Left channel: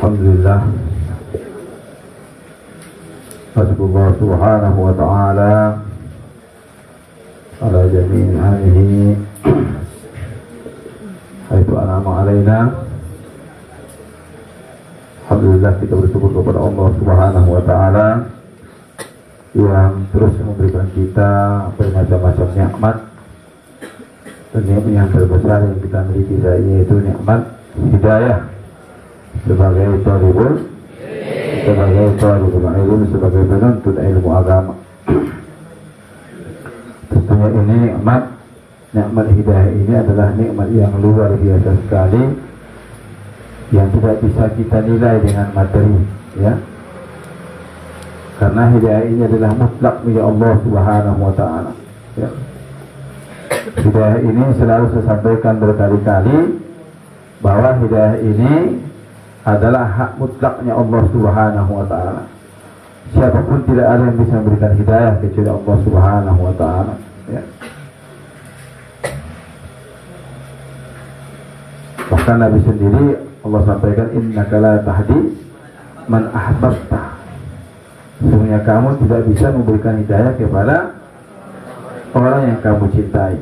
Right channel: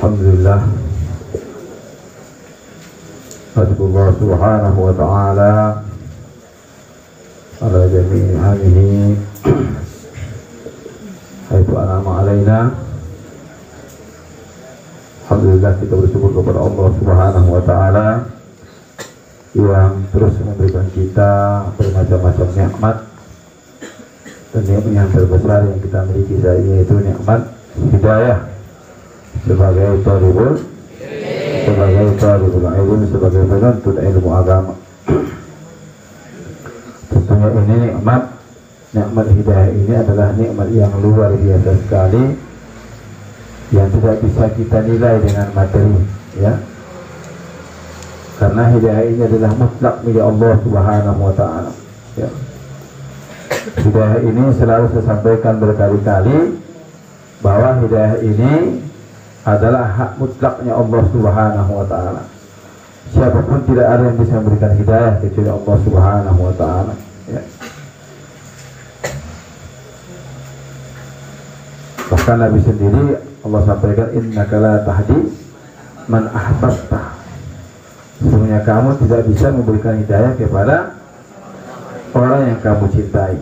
Alhamdulillah, Allah subhanahu wa ta'ala ala jami'i hamihi haitu an'ama alaina. Alhamdulillah, kita bersyukur kepada Allah subhanahu wa ta'ala yang terus memberikan kita bermacam-macam nikmat, dan nikmat yang terbesar yang kita miliki yaitu nikmat hidayah sebagai talibul ilmu, sebagai penuntut ilmu agama. Tentunya ini nikmat hidayah ini adalah nikmat yang luar biasa sekali, yang tidak bisa kita nilai dengan materi, ya. Karena hidayah ini adalah mutlak milik Allah subhanahu wa ta'ala, ya. Hidayah ini selalu saya sampaikan berkali-kali bahwa hidayah ini adalah hak mutlaknya Allah subhanahu wa ta'ala. Siapapun tidak ada yang bisa memberikan hidayah kecuali Allah subhanahu wa ta'ala, ya. Bahkan Nabi sendiri Allah sampaikan, innaka la tahdi man ahbabta. Sesungguhnya kamu tidak bisa memberikan hidayah kepada orang yang kamu cintai.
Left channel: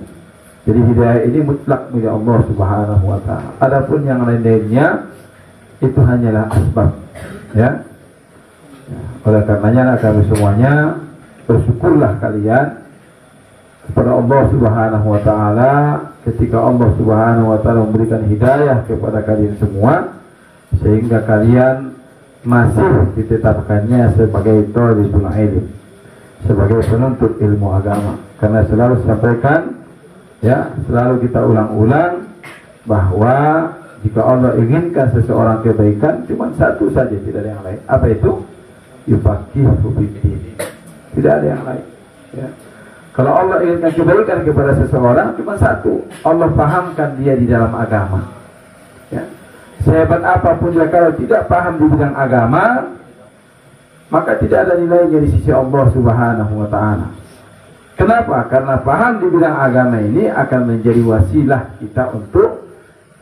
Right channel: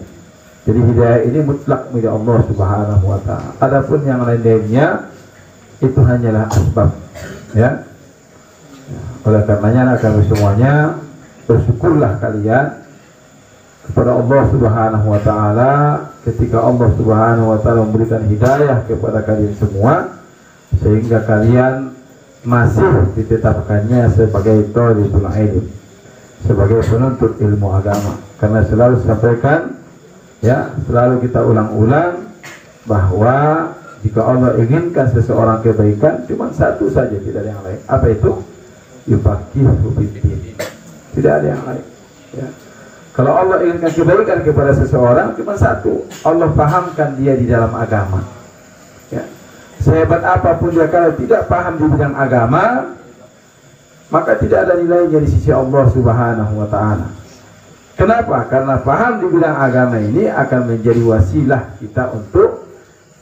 Jadi hidayah ini mutlak milik Allah subhanahu wa ta'ala. Adapun yang lain-lainnya itu hanyalah asbab, ya. Oleh karenanya kami semuanya bersyukurlah kalian kepada Allah subhanahu wa ta'ala ketika Allah subhanahu wa ta'ala memberikan hidayah kepada kalian semua, sehingga kalian masih ditetapkannya sebagai talibul ilm, sebagai penuntut ilmu agama. Karena selalu sampaikan, ya, selalu kita ulang-ulang bahwa jika Allah inginkan seseorang kebaikan, cuma satu saja, tidak ada yang lain. Apa itu? Yufaqihu fiddin. Tidak ada yang lain, ya. Kalau Allah inginkan kebaikan kepada seseorang, cuma satu, Allah pahamkan dia di dalam agama, ya. Sehebat apapun dia kalau tidak paham di bidang agama, maka tidak ada nilainya di sisi Allah subhanahu wa ta'ala. Kenapa? Karena paham di bidang agama ini akan menjadi wasilah kita untuk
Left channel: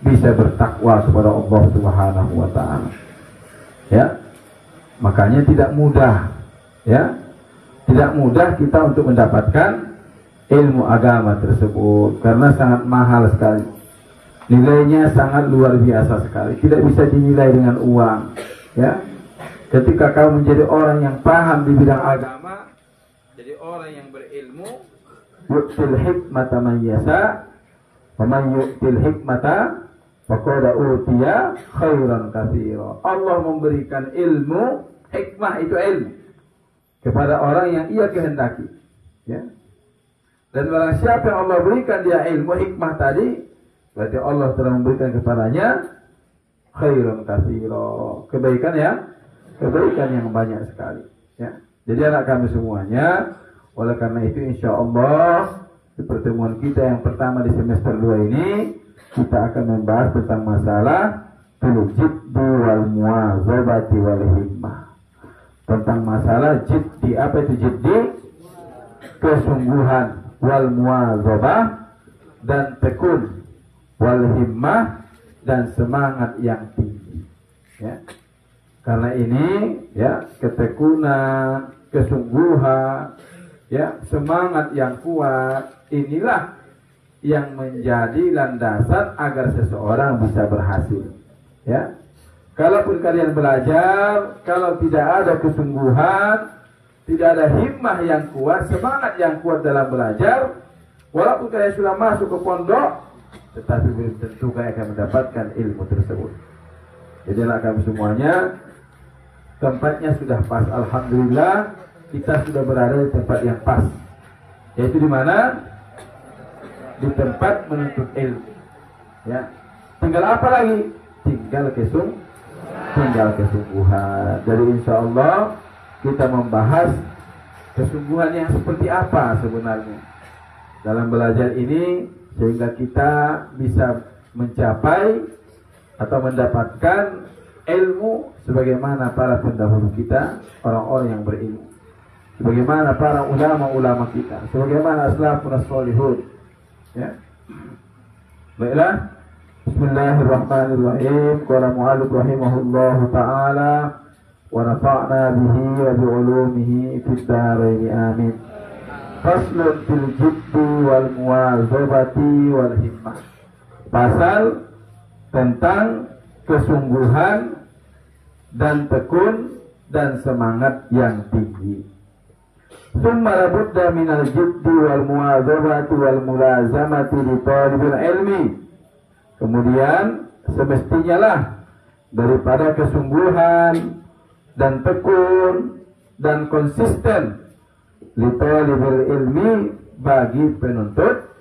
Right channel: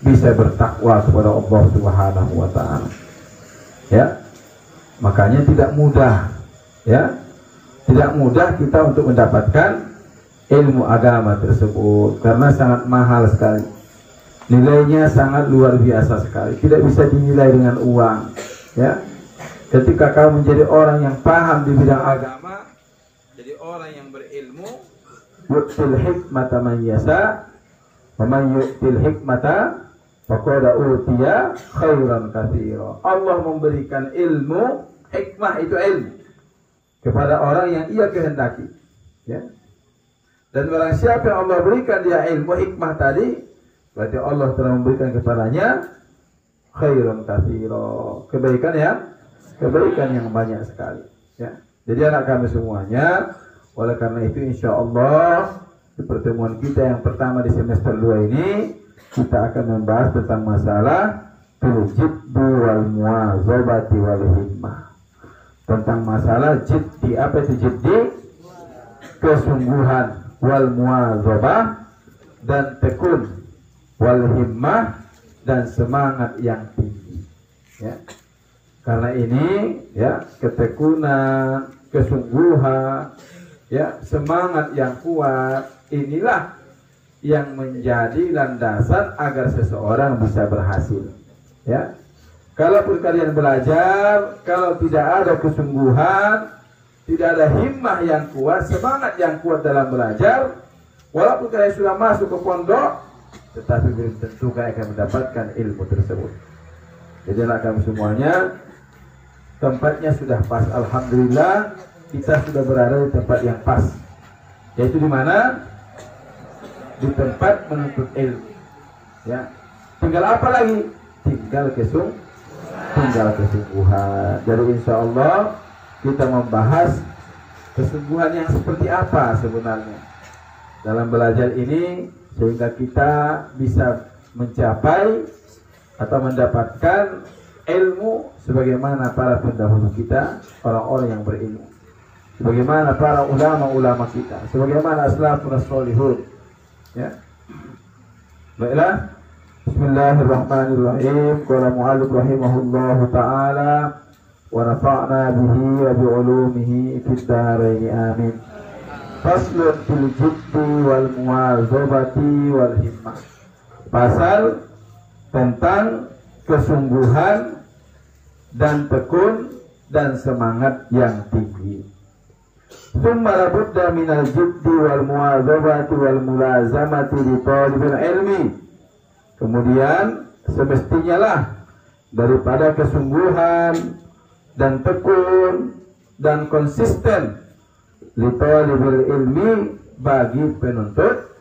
bisa bertakwa kepada Allah subhanahu wa ta'ala, ya. Makanya tidak mudah, ya, tidak mudah kita untuk mendapatkan ilmu agama tersebut, karena sangat mahal sekali, nilainya sangat luar biasa sekali, tidak bisa dinilai dengan uang, ya. Ketika kamu menjadi orang yang paham di bidang agama, jadi orang yang berilmu, yu'til hikmata man yasha wa man yu'til hikmata faqad utiya khairan katsira. Allah memberikan ilmu, hikmah itu ilmu, kepada orang yang ia kehendaki, ya. Dan barang siapa yang Allah berikan dia ilmu, hikmah tadi, berarti Allah telah memberikan kepadanya khairan katsira, kebaikan yang banyak sekali, ya. Jadi anak kami semuanya, oleh karena itu insya Allah di pertemuan kita yang pertama di semester 2 ini, kita akan membahas tentang masalah fil jiddi wal muwazabati wal himmah. Tentang masalah jiddi, apa itu jiddi? Kesungguhan, wal muwazabah dan tekun, wal himmah dan semangat yang tinggi. Ya. Karena ini ya ketekunan, kesungguhan, ya semangat yang kuat, inilah yang menjadi landasan agar seseorang bisa berhasil. Ya, kalaupun kalian belajar, kalau tidak ada kesungguhan, tidak ada himmah yang kuat, semangat yang kuat dalam belajar, walaupun kalian sudah masuk ke pondok, tetapi belum tentu kalian akan mendapatkan ilmu tersebut. Jadi kami semuanya tempatnya sudah pas. Alhamdulillah kita sudah berada di tempat yang pas. Yaitu di mana? Di tempat menuntut ilmu. Ya. Tinggal apa lagi? Tinggal kesungguhan. Jadi insya Allah kita membahas kesungguhan yang seperti apa sebenarnya dalam belajar ini, sehingga kita bisa mencapai atau mendapatkan ilmu sebagaimana para pendahulu kita, orang-orang yang berilmu, sebagaimana para ulama-ulama kita, sebagaimana salafun shalihun. Ya. Baiklah. Bismillahirrahmanirrahim. Qala mu'allif rahimahullahu ta'ala wa nafa'na bihi wa bi ulumihi fid dharain amin. Faslun fil jiddi wal muwazabati wal himmah. Pasal tentang kesungguhan dan tekun dan semangat yang tinggi. Tsumma labudda minal jiddi wal muwazabati wal mulazamati li talibil ilmi. Kemudian semestinya lah daripada kesungguhan dan tekun dan konsisten li talibil ilmi bagi penuntut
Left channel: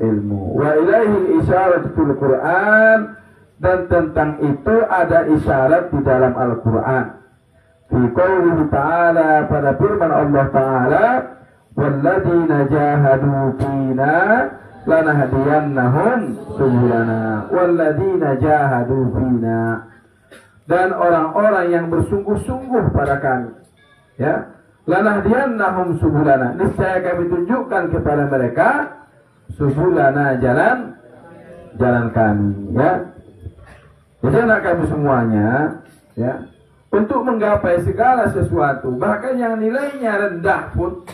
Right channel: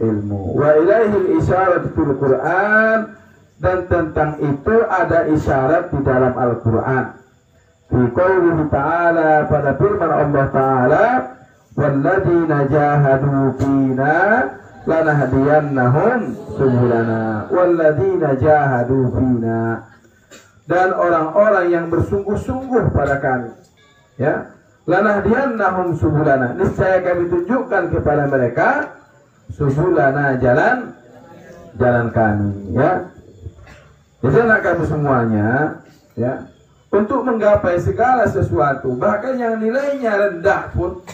ilmu. Wa ilaihil isyarat fil Qur'an, dan tentang itu ada isyarat di dalam Al-Qur'an. Fi qoulihi ta'ala, pada firman Allah Ta'ala, walladzina jahadu fina lanahdiyannahum subulana. Walladzina jahadu fina, dan orang-orang yang bersungguh-sungguh pada kami, ya, lanahdiyannahum subulana, niscaya kami tunjukkan kepada mereka subulana, jalan kami, ya. Jadi anak kami semuanya, ya, untuk menggapai segala sesuatu, bahkan yang nilainya rendah pun,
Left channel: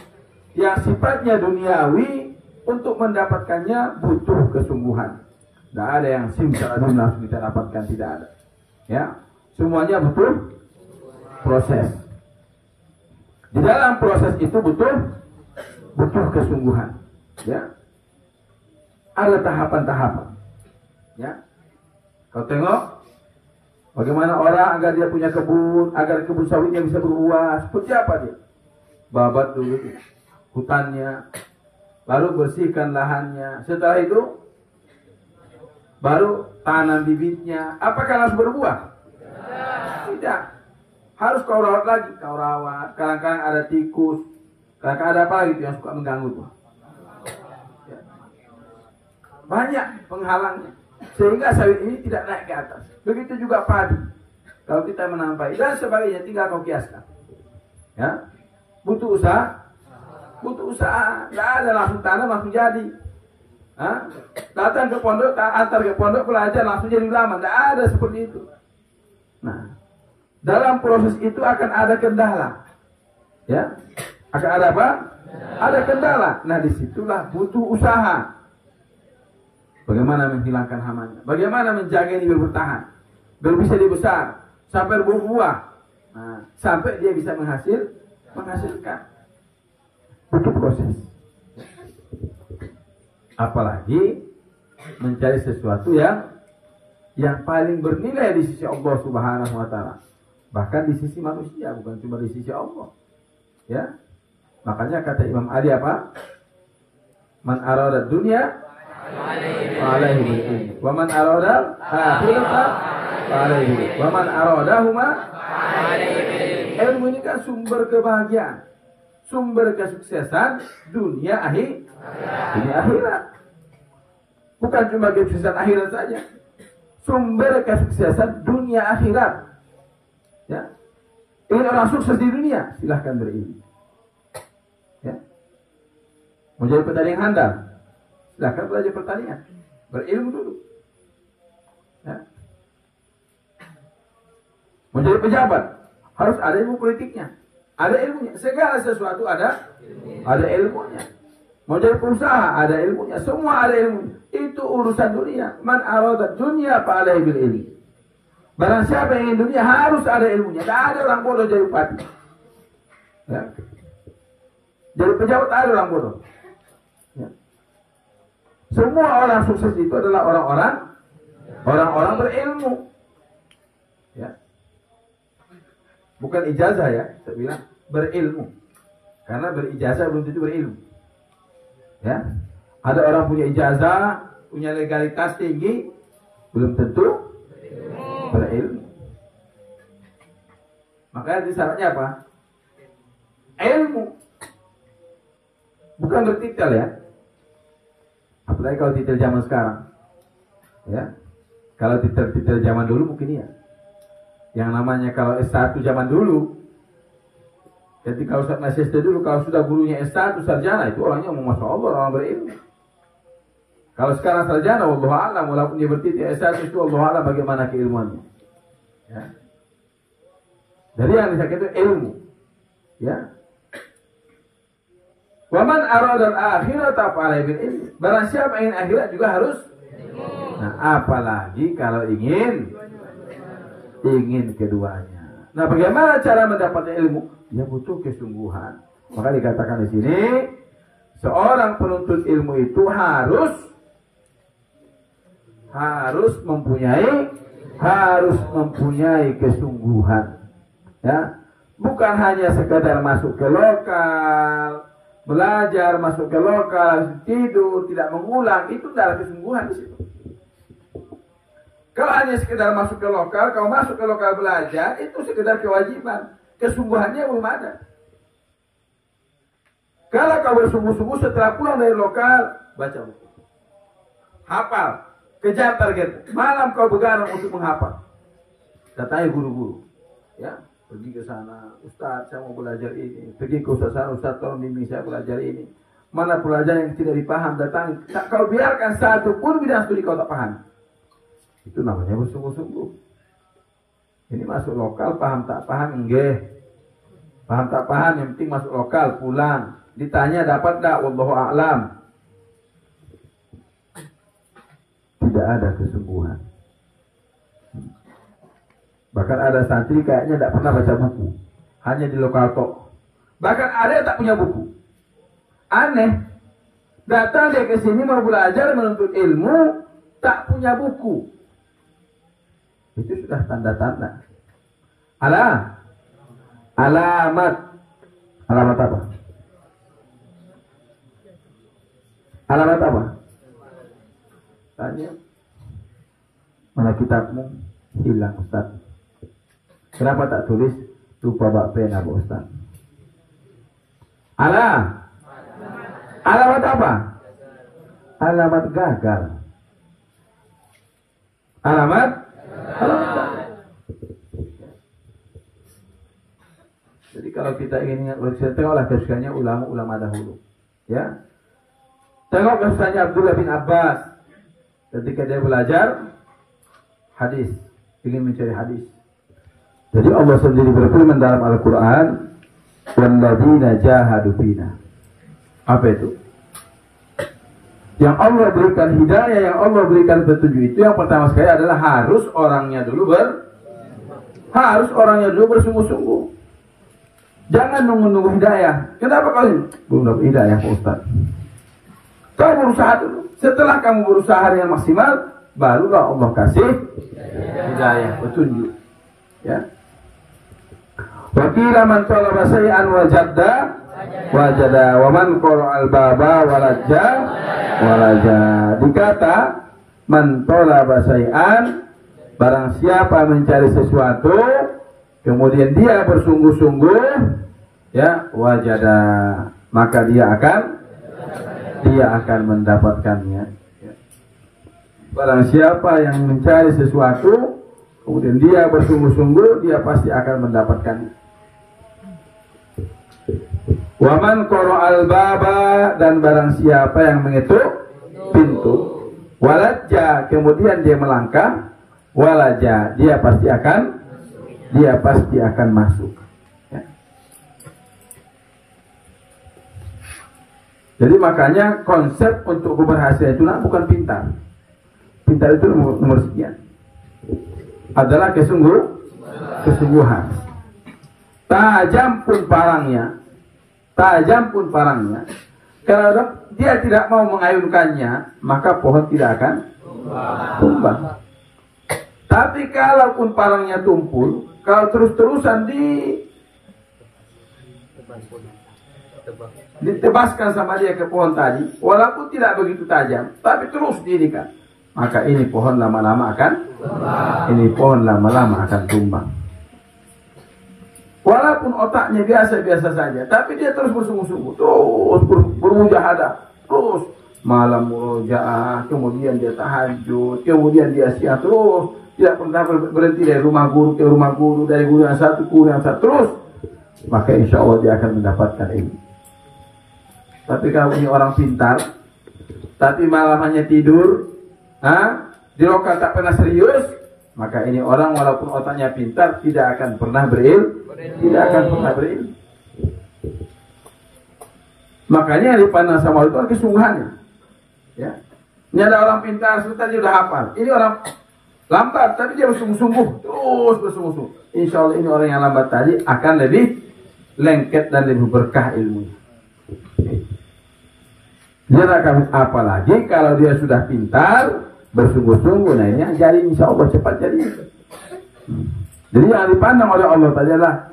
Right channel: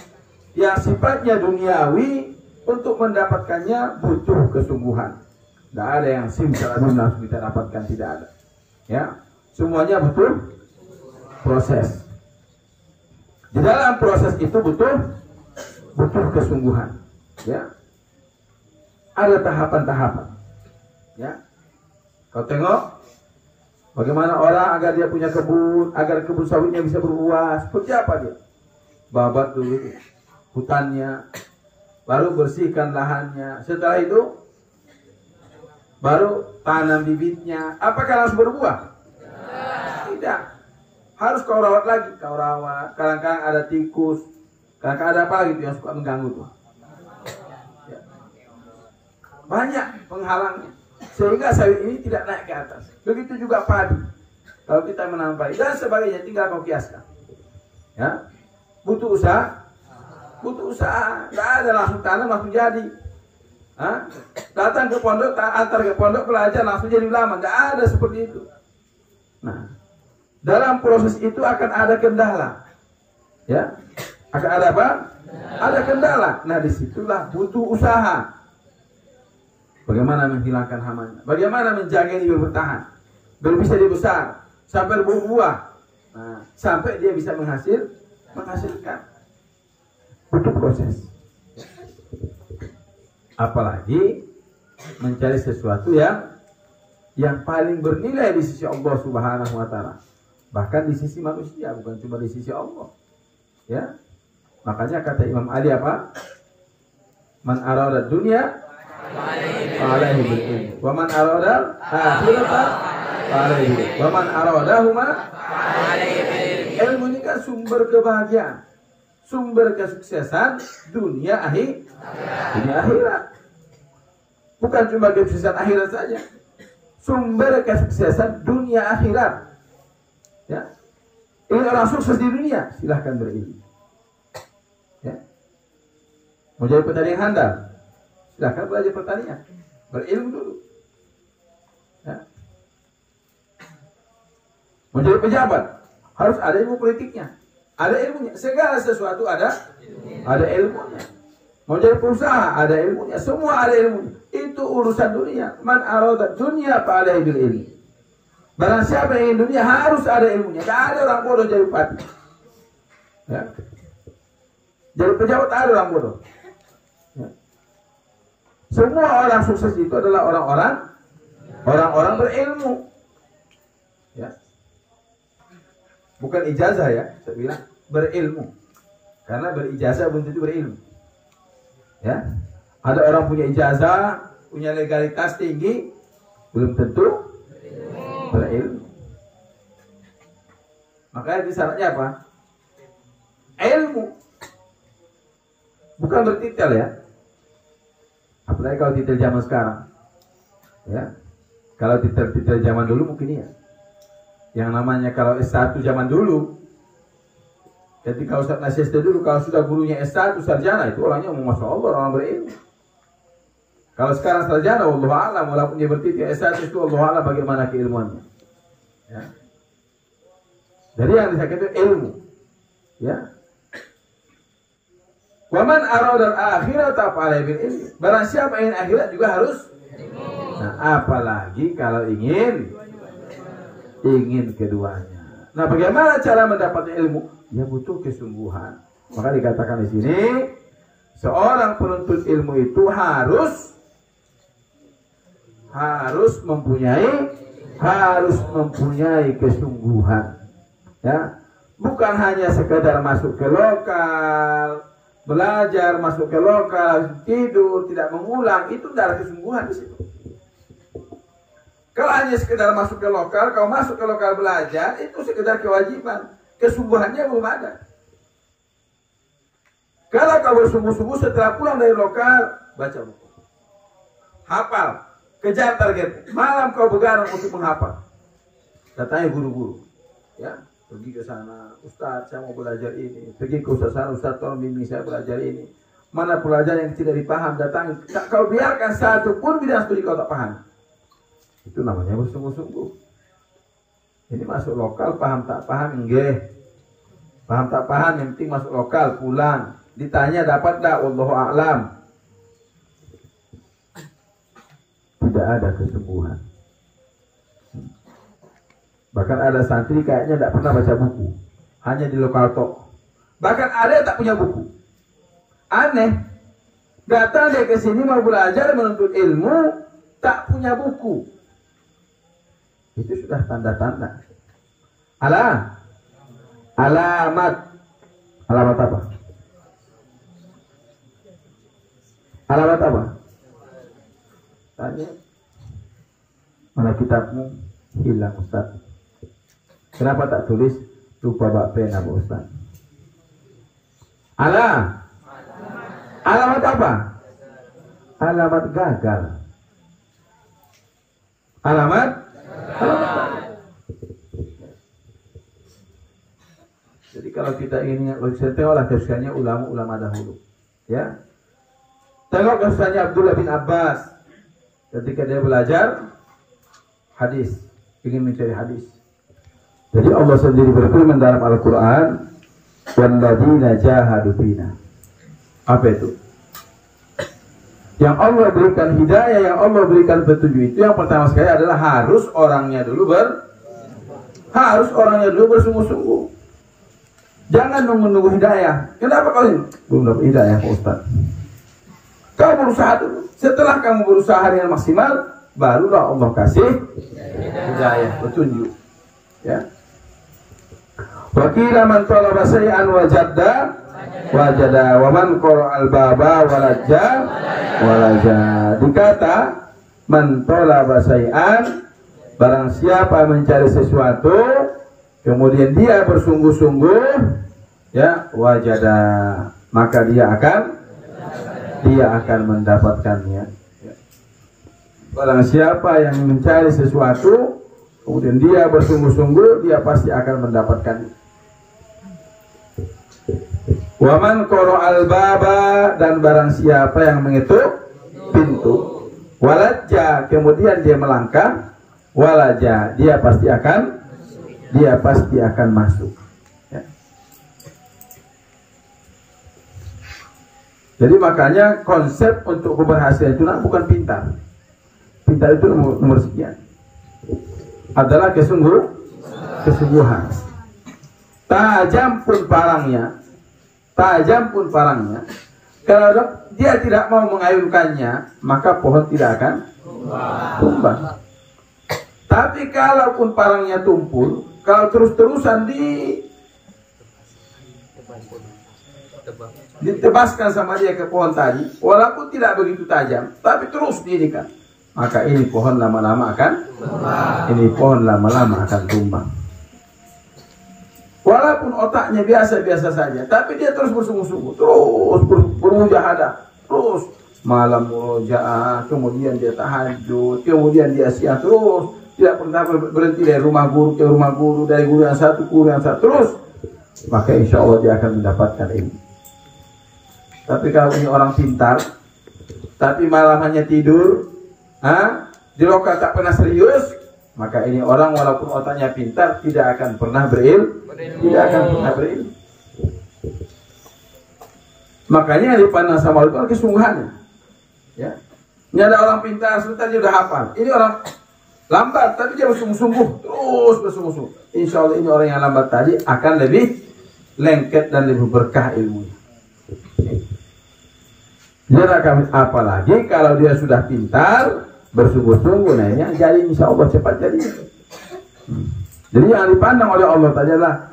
yang sifatnya duniawi, untuk mendapatkannya butuh kesungguhan. Tidak ada yang simsalabim langsung kita dapatkan, tidak ada. Ya, semuanya butuh proses. Di dalam proses itu butuh kesungguhan. Ya, ada tahapan-tahapan. Ya, kau tengok bagaimana orang agar dia punya kebun, agar kebun sawitnya bisa berbuah. Seperti apa dia? Babat dulu hutannya, baru bersihkan lahannya. Setelah itu baru tanam bibitnya. Apakah langsung berbuah? Tidak. Harus kau rawat lagi, kau rawat. Kadang-kadang ada tikus, kadang-kadang ada apa lagi yang suka mengganggu tuh. Ya. Banyak penghalangnya, sehingga sawit ini tidak naik ke atas. Begitu juga padi. Kalau kita menanam padi dan sebagainya, tinggal kau kiaskan. Ya, butuh usaha. Tidak ada langsung tanam langsung jadi. Hah? Datang ke pondok, antar ke pondok belajar langsung jadi ulama. Tidak ada seperti itu. Nah, dalam proses itu akan ada kendala. Ya, akan ada apa? Ada kendala. Nah, disitulah butuh usaha. Bagaimana menghilangkan hamanya? Bagaimana menjaga ini bertahan, biar bisa dibesar sampai berbuah, sampai dia bisa menghasilkan. Butuh proses. Apalagi mencari sesuatu yang paling bernilai di sisi Allah Subhanahu wa Ta'ala. Bahkan di sisi manusia, bukan cuma di sisi Allah. Ya, makanya kata Imam Ali apa? Man arada dunya alaihi bil ilmi, wa man arada akhirata alaihi, wa man aradahuma alaihi bil ilmi. Ilmu ini kan sumber kebahagiaan, sumber kesuksesan dunia akhirat. Bukan cuma kesuksesan akhirat saja, sumber kesuksesan dunia akhirat. Ya. Ingin orang sukses di dunia, silahkan berilmu. Ya. Mau jadi petani yang handal, silahkan belajar pertanian, berilmu dulu. Ya. Mau jadi pejabat, harus ada ilmu politiknya, ada ilmunya. Segala sesuatu ada ilmunya. Mau jadi pengusaha, ada ilmunya. Semua ada ilmunya. Itu urusan dunia. Man arada dunia fa'alaihi bil ilmi. Barang siapa yang ingin dunia harus ada ilmunya. Tidak ada orang bodoh jadi bupati. Ya. Jadi pejabat ada orang bodoh. Ya. Semua orang sukses itu adalah orang-orang berilmu. Ya. Bukan ijazah ya, saya bilang berilmu. Karena berijazah belum tentu berilmu. Ya. Ada orang punya ijazah, punya legalitas tinggi, belum tentu berilmu. Makanya syaratnya apa? Ilmu. Bukan bertitel ya. Apalagi kalau titel zaman sekarang. Ya. Kalau titel zaman dulu mungkin ya. Yang namanya kalau S1 zaman dulu. Jadi kalau Ustaz ngasih SD dulu, kalau sudah gurunya S1 sarjana, itu orangnya masya Allah, orang berilmu. Kalau sekarang sarjana, wallahu a'lam, walaupun dia bertitel S1 itu wallahu a'lam bagaimana keilmuannya. Ya. Jadi yang disakit itu ilmu. Ya. Wa man arada al-akhirata fa'alaihi bil ilmi. Barang siapa ingin akhirat juga harus. Nah, apalagi kalau ingin keduanya. Nah, bagaimana cara mendapatkan ilmu? Ya butuh kesungguhan. Maka dikatakan di sini, seorang penuntut ilmu itu harus mempunyai kesungguhan. Ya, bukan hanya sekedar masuk ke lokal, belajar, masuk ke lokal, tidur, tidak mengulang, itu tidak ada kesungguhan di situ. Kalau hanya sekedar masuk ke lokal, kalau masuk ke lokal belajar, itu sekedar kewajiban. Kesungguhannya belum ada. Kalau kau bersungguh-sungguh setelah pulang dari lokal, baca buku. Hafal, kejar target. Malam kau begadang untuk menghafal. Datangi guru-guru. Ya, pergi ke sana, Ustaz, saya mau belajar ini. Pergi ke Ustaz sana, Ustaz, tolong bimbing saya belajar ini. Mana pelajaran yang tidak dipaham, datangi. Tak kau biarkan satu pun bidang studi kau tak paham. Itu namanya bersungguh-sungguh. Ini masuk lokal, paham tak paham, enggak. Paham tak paham, yang penting masuk lokal, pulang. Ditanya dapat tak, wallahu a'lam. Tidak ada kesungguhan. Bahkan ada santri kayaknya tidak pernah baca buku, hanya di lokal tok. Bahkan ada yang tak punya buku. Aneh. Datang dia ke sini mau belajar menuntut ilmu, tak punya buku. Itu sudah tanda-tanda. Alamat apa? Alamat apa? Tanya. Mana kitabmu? Hilang Ustaz. Kenapa tak tulis? Lupa bawa pena Pak Ustaz. Alamat apa? Alamat gagal. Alamat. Jadi kalau kita ingin tengoklah kesukaannya ulama-ulama dahulu, ya. Tengok kesukaannya Abdullah bin Abbas ketika dia belajar hadis, ingin mencari hadis. Jadi Allah sendiri berfirman dalam Al-Quran, "Walladzina jahadu fina." Apa itu? Yang Allah berikan hidayah, yang Allah berikan petunjuk itu yang pertama sekali adalah harus orangnya dulu bersungguh-sungguh. Jangan nunggu hidayah. Kenapa kau ini? Belum dapat hidayah Pak Ustaz. Kau berusaha dulu. Setelah kamu berusaha dengan maksimal, barulah Allah kasih hidayah, petunjuk. Ya. Wa qila man talaba shay'an wajada wa man qara al-baba walaja. Dikata man talaba shay'an, barang siapa mencari sesuatu kemudian dia bersungguh-sungguh, ya, wajada, maka dia akan mendapatkannya. Ya. Barang siapa yang mencari sesuatu, kemudian dia bersungguh-sungguh, dia pasti akan mendapatkan. Waman qara'al baba, dan barang siapa yang mengetuk pintu, walaja, kemudian dia melangkah, walaja, dia pasti akan masuk. Ya. Jadi makanya konsep untuk keberhasilan itu bukan pintar. Pintar itu nomor sekian. Adalah kesungguhan. Tajam pun parangnya. Kalau dia tidak mau mengayunkannya, maka pohon tidak akan tumbang. Tapi kalaupun parangnya tumpul, kalau terus-terusan ditebaskan sama dia ke pohon tadi, walaupun tidak begitu tajam, tapi terus didikan, maka ini pohon lama-lama akan tumbang. Walaupun otaknya biasa-biasa saja, tapi dia terus bersungguh-sungguh, terus bermujahadah, terus malam murojaah, kemudian dia tahajud, kemudian dia siang, terus tidak pernah berhenti dari rumah guru ke rumah guru, dari guru yang satu ke guru yang satu, terus, maka insya Allah dia akan mendapatkan ilmu. Tapi kalau ini orang pintar, tapi malam hanya tidur, di lokal tak pernah serius, maka ini orang walaupun otaknya pintar tidak akan pernah berilmu. Makanya yang dipandang sama Allah itu adalah kesungguhannya. Ya. Ini ada orang pintar, sebentar dia sudah hafal. Ini orang lambat, tapi dia bersungguh-sungguh, terus bersungguh-sungguh. Insya Allah ini orang yang lambat tadi akan lebih lengket dan lebih berkah ilmu. Dia akan apalagi kalau dia sudah pintar, bersungguh-sungguh, nah jadi insya Allah cepat jadi. Jadi yang dipandang oleh Allah tadi adalah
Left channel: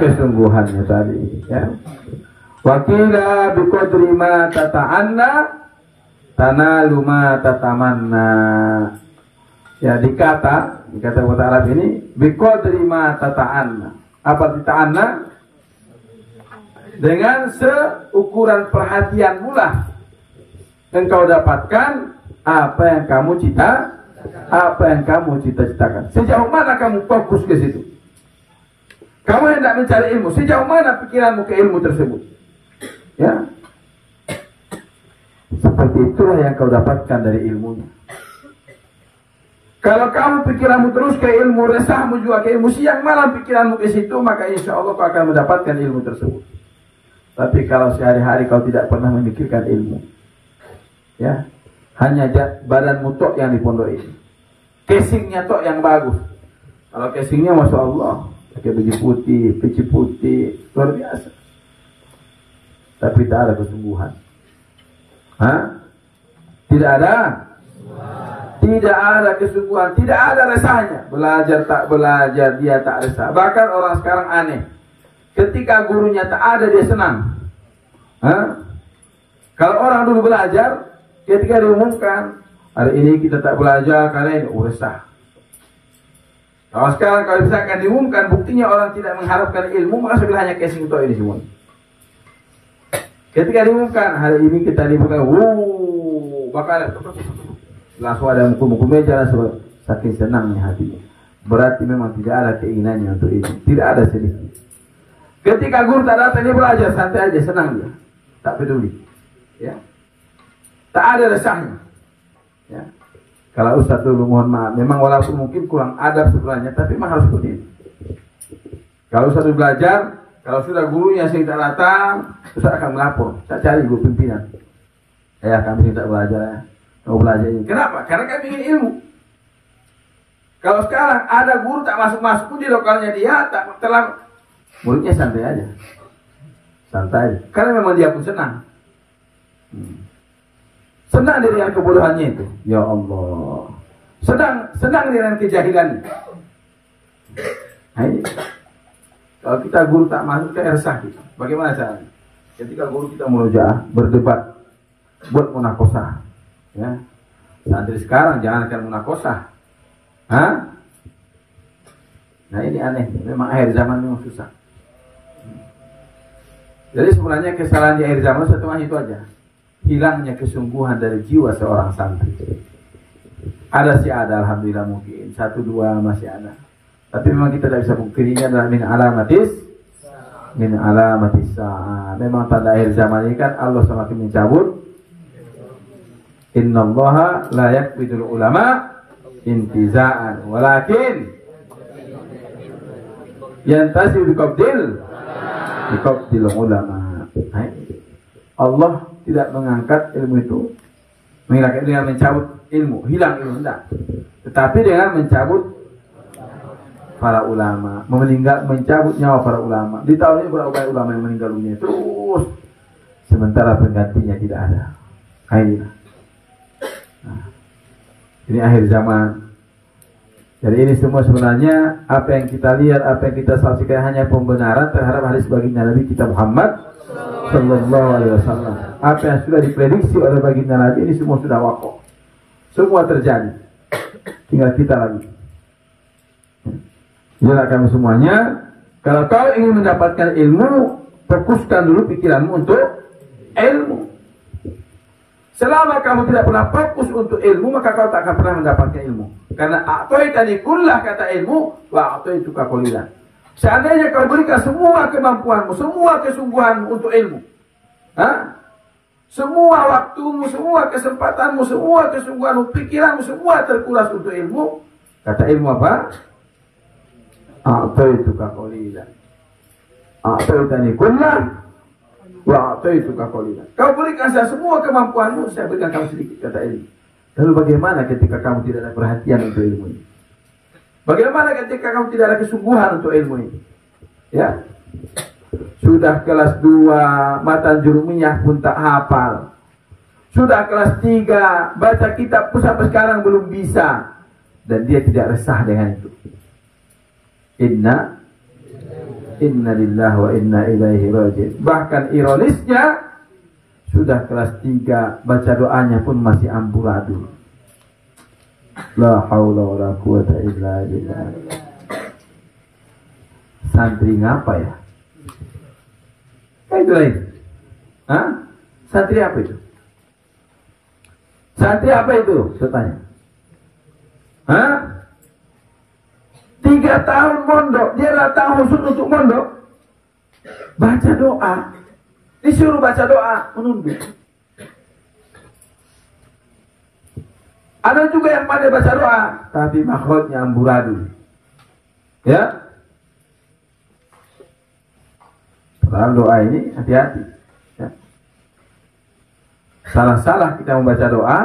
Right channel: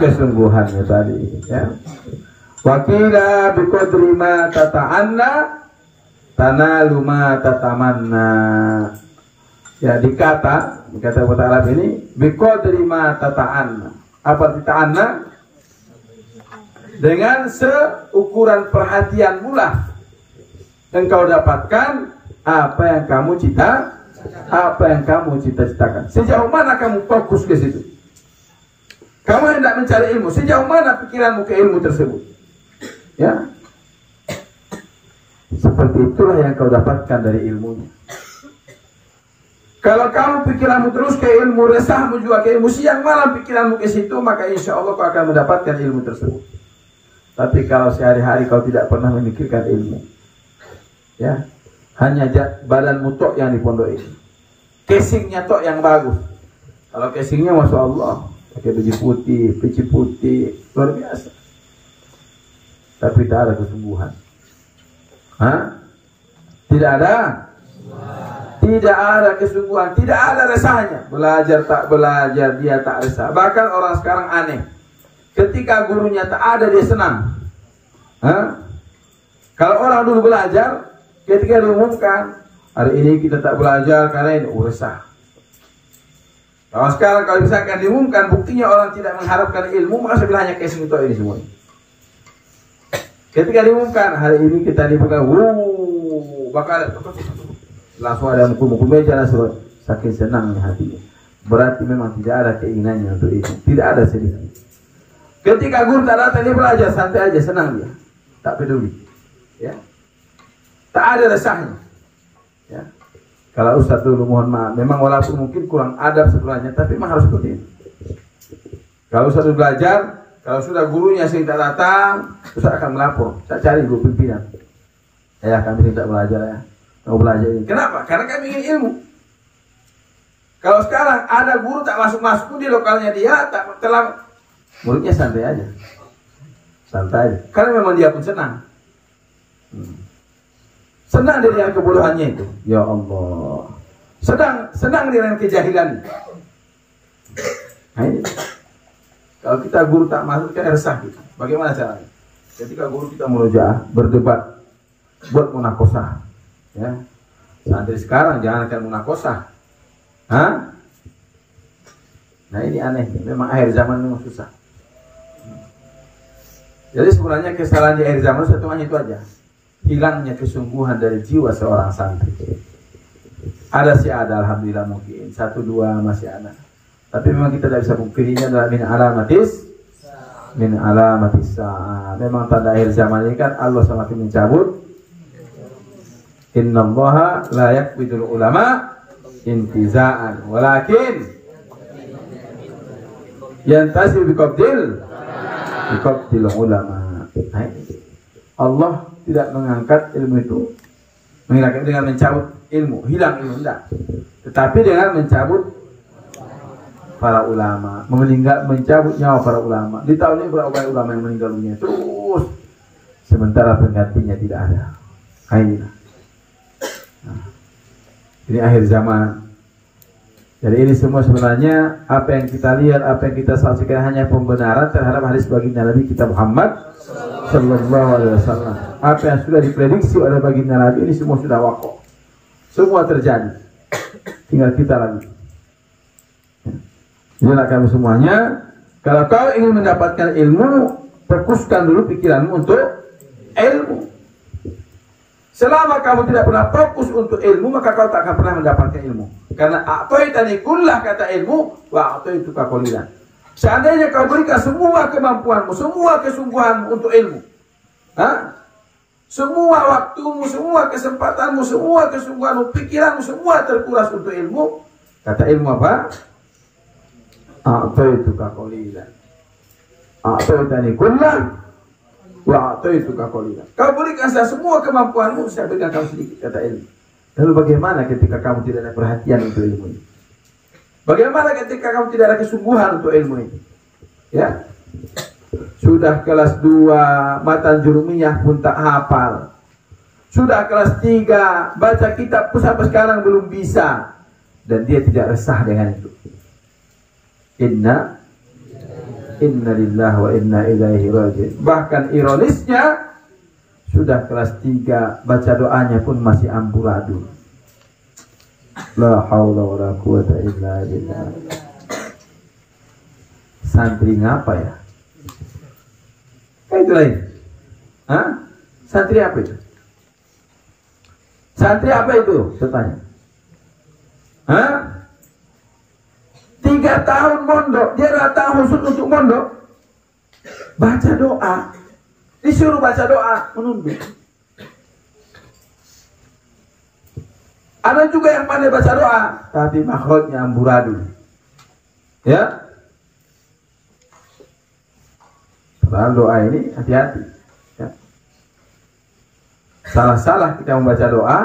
kesungguhannya tadi. Ya. Wakila biqadri ma tata'anna tanalu ma tatamanna. Ya, dikata bahasa Arab ini biqadri ma tata'anna. Apa tata'anna? Dengan seukuran perhatian pula engkau dapatkan apa yang kamu cita-citakan. Sejauh mana kamu fokus ke situ? Kamu hendak mencari ilmu, sejauh mana pikiranmu ke ilmu tersebut? Ya. Seperti itulah yang kau dapatkan dari ilmunya. Kalau kamu pikiranmu terus ke ilmu, resahmu juga ke ilmu, siang malam pikiranmu ke situ, maka insya Allah kau akan mendapatkan ilmu tersebut. Tapi kalau sehari-hari kau tidak pernah memikirkan ilmu, ya, hanya badanmu tok yang dipondok ini, casingnya tok yang bagus. Kalau casingnya masya Allah, pakai baju putih, peci putih, luar biasa. Tapi tak ada kesungguhan. Tidak ada kesungguhan, tidak ada resahnya. Belajar tak belajar, dia tak resah. Bahkan orang sekarang aneh. Ketika gurunya tak ada, dia senang. Kalau orang dulu belajar, ketika diumumkan, hari ini kita tak belajar, kalian resah. Kalau sekarang kalau misalkan diumumkan, buktinya orang tidak mengharapkan ilmu, maka sebenarnya casing itu ini semua. Ketika diumumkan, hari ini kita dibuka, bakal langsung ada muka-muka meja, langsung saking senangnya hatinya. Berarti memang tidak ada keinginannya untuk itu, tidak ada sedikit. Ketika guru tak datang, dia belajar santai aja, senang dia, tak peduli, ya, tak ada resahnya. Ya. Kalau Ustaz dulu mohon maaf, memang walaupun mungkin kurang adab sebenarnya, tapi memang harus seperti itu. Kalau Ustaz belajar, kalau sudah gurunya sering tak datang, Ustaz akan melapor, tak cari guru pimpinan. Ya, kami tidak belajar, mau belajar ini. Kenapa? Karena kami ingin ilmu. Kalau sekarang ada guru tak masuk-masuk pun di lokalnya dia, tak terlambat. Mulutnya santai aja, karena memang dia pun senang. Senang dengan kebodohannya itu, ya Allah. Senang dengan kejahilan. Nah, ini. Kalau kita guru tak masuk, kan resah kita. Bagaimana caranya? Ketika guru kita murojaah, berdebat, buat munakosah, ya. Santri sekarang jangan akan munakosah. Nah ini aneh, memang akhir zaman memang susah. Jadi sebenarnya kesalahan di akhir zaman satu itu aja, hilangnya kesungguhan dari jiwa seorang santri. Ada sih ada, alhamdulillah mungkin 1 2 masih ada. Tapi memang kita tidak bisa mungkirinya adalah min alamatis sa'ah. Memang tanda akhir zaman ini kan Allah semakin mencabut. Innallaha la yaqbidul ulama intiza'an walakin yantasi biqabdil ulama. Allah tidak mengangkat ilmu itu dengan mencabut ilmu, hilang ilmu tidak. Tetapi dengan mencabut para ulama, mencabut nyawa para ulama. Di tahun ini berapa kali ulama yang meninggal dunia terus, sementara penggantinya tidak ada. Ini akhir zaman. Jadi ini semua sebenarnya apa yang kita lihat, apa yang kita saksikan hanya pembenaran terhadap hadis baginda Nabi kita Muhammad Sallallahu Alaihi Wasallam. Apa yang sudah diprediksi oleh baginda Nabi ini semua sudah wakoh, semua terjadi. Tinggal kita lagi. Jadi kamu semuanya, kalau kau ingin mendapatkan ilmu, fokuskan dulu pikiranmu untuk ilmu. Selama kamu tidak pernah fokus untuk ilmu, maka kau tak akan pernah mendapatkan ilmu. Karena a'taitani kullah kata ilmu, wa a'taituka qalilan. Seandainya kau berikan semua kemampuanmu, semua kesungguhanmu untuk ilmu, semua waktumu, semua kesempatanmu, semua kesungguhanmu, pikiranmu, semua terkuras untuk ilmu. Kata ilmu apa? A'taituka qalilan. A'taitani kullah wa a'taituka qalilan. Kau berikan saya semua kemampuanmu, saya berikan kamu sedikit, kata ilmu. Lalu bagaimana ketika kamu tidak ada perhatian untuk ilmu ini? Bagaimana ketika kamu tidak ada kesungguhan untuk ilmu ini? Ya, sudah kelas 2 matan jurumiyah pun tak hafal. Sudah kelas 3 baca kitab pun sampai sekarang belum bisa, dan dia tidak resah dengan itu. Inna lillahi wa inna ilaihi raji'un. Bahkan ironisnya sudah kelas 3 baca doanya pun masih amburadul. La haula wala quwata illa billah. Santri ngapa ya? Itu lain. Santri apa itu? Santri apa itu? Saya tanya. 3 tahun mondok, dia datang khusus untuk mondok. Baca doa. Disuruh baca doa, menunduk. Ada juga yang pandai baca doa, tapi makhrajnya amburadul. Ya. Dalam doa ini hati-hati. Ya. Salah-salah kita membaca doa,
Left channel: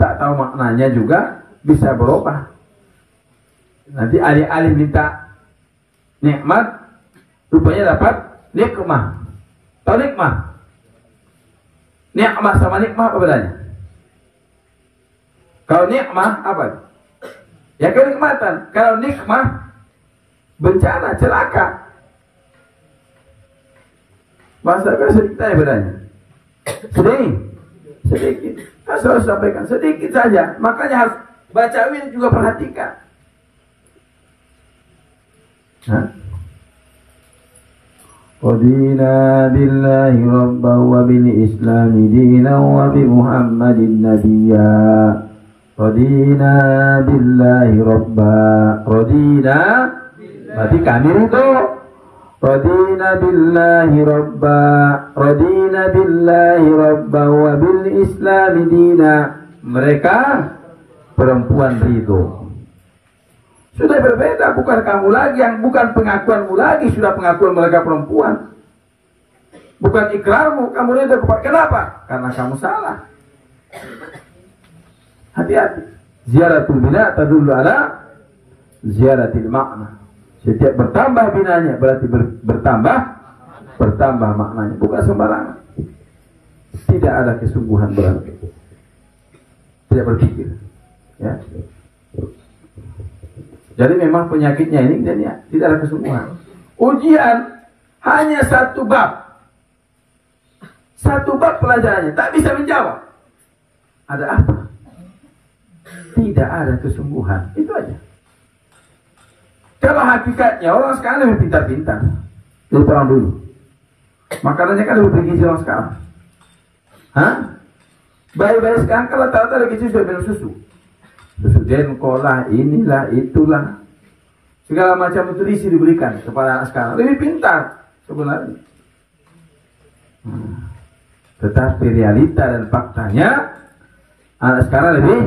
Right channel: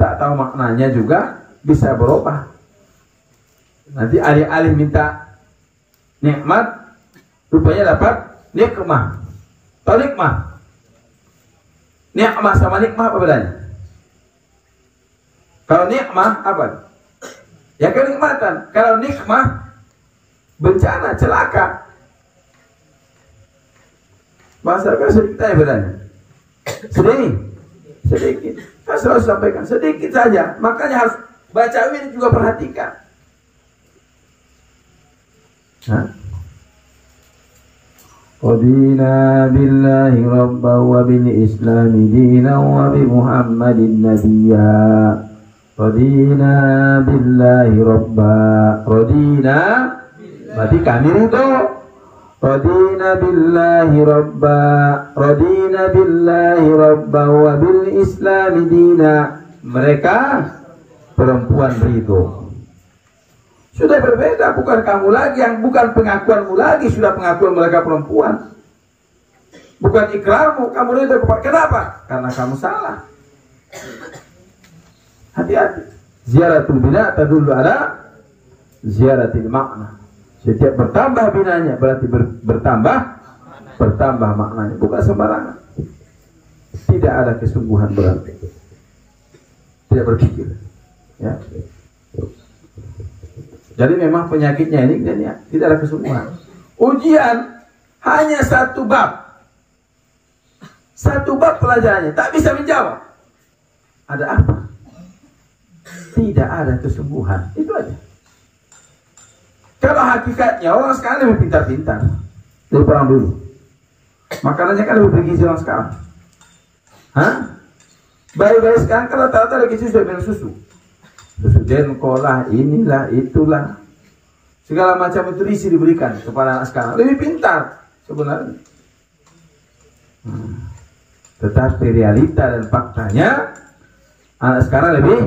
tak tahu maknanya juga bisa berubah. Nanti alih-alih minta nikmat, rupanya dapat nikmah. Tahu nikmah? Nikmah sama nikmah apa bedanya? Kalau nikmah apa? Ya kenikmatan. Kalau nikmah bencana, celaka. Bahasa sedikit aja bedanya. Sedikit. Saya selalu sampaikan sedikit saja. Makanya harus baca ini juga perhatikan. Radina billahi rabban wa bil islami dinan wa bi muhammadin nabiyya. Radina billahi rabban. Radina berarti kami ridho. Radina billahi rabban. Radina billahi rabban wa bil islami dinan. Mereka perempuan ridho. Sudah berbeda, bukan kamu lagi, yang bukan pengakuanmu lagi, sudah pengakuan mereka perempuan. Bukan ikrarmu, kamu ridho kepada. Kenapa? Karena kamu salah. Hati-hati. Ziaratul bina tadullu ala ziaratil makna. Setiap bertambah binanya berarti bertambah maknanya. Bukan sembarangan. Tidak ada kesungguhan berarti. Tidak berpikir. Ya. Jadi memang penyakitnya ini dan ya, tidak ada kesungguhan. Ujian hanya 1 bab. 1 bab pelajarannya, tak bisa menjawab. Ada apa? Tidak ada kesungguhan. Itu aja. Kalau hakikatnya orang sekarang lebih pintar-pintar dari orang dulu. Makanannya kan lebih bergizi orang sekarang. Bayi-bayi sekarang kalau tak ada gizi sudah minum susu. Denko lah, inilah, itulah, segala macam nutrisi diberikan kepada anak sekarang. Lebih pintar sebenarnya. Tetapi realita dan faktanya anak sekarang lebih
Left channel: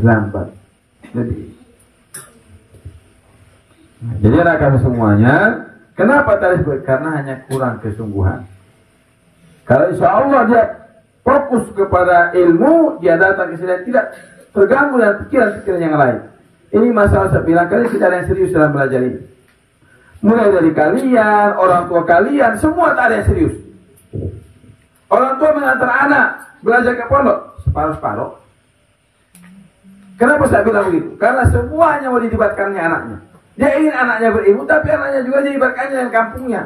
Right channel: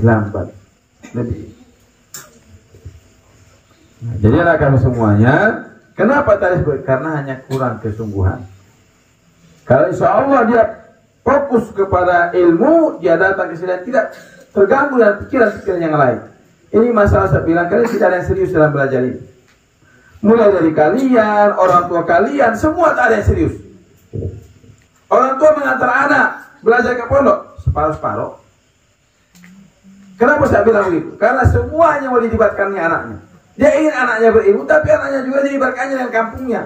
lambat, lebih. Jadi anak kami semuanya, kenapa tadi? Karena hanya kurang kesungguhan. Kalau insya Allah dia fokus kepada ilmu, dia datang ke sini tidak terganggu dengan pikiran-pikiran yang lain. Ini masalah saya bilang, kalian tidak ada yang serius dalam belajar ini. Mulai dari kalian, orang tua kalian, semua tak ada yang serius. Orang tua mengantar anak belajar ke pondok separuh-separuh. Kenapa saya bilang begitu? Karena semuanya mau dilibatkannya anaknya. Dia ingin anaknya berilmu, tapi anaknya juga dilibatkannya dengan kampungnya.